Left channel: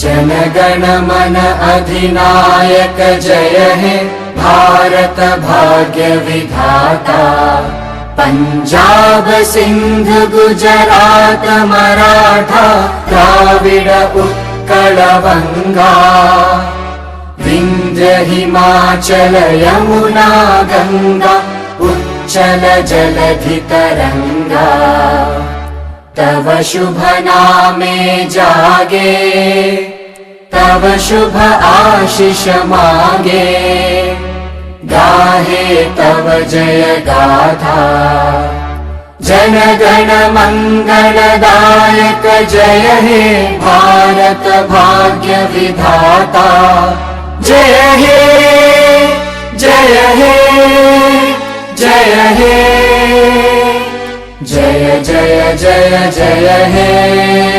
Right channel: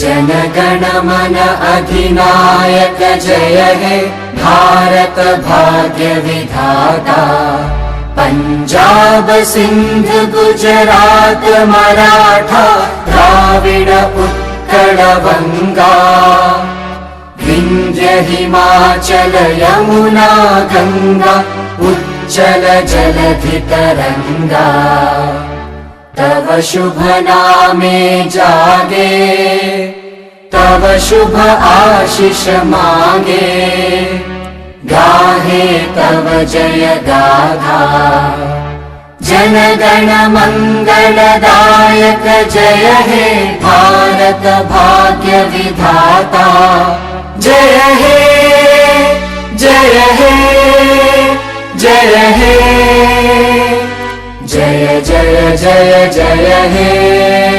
जनगण मन अधिनायक जय हे भारत भाग्य विधाता। पंजाब सिंध गुजरात मराठा द्राविड उत्कल बंगा। विंध्य हिमाचल यमुना गंगा उच्चल जलधि तरंगा। तव शुभ नामे जागे तव शुभ आशीष मागे। गाहे तव जय गाथा जनगण मंगलदायक जय हे भारत भाग्य विधाता। जय हे जय हे जय हे जय जय जय जय हे।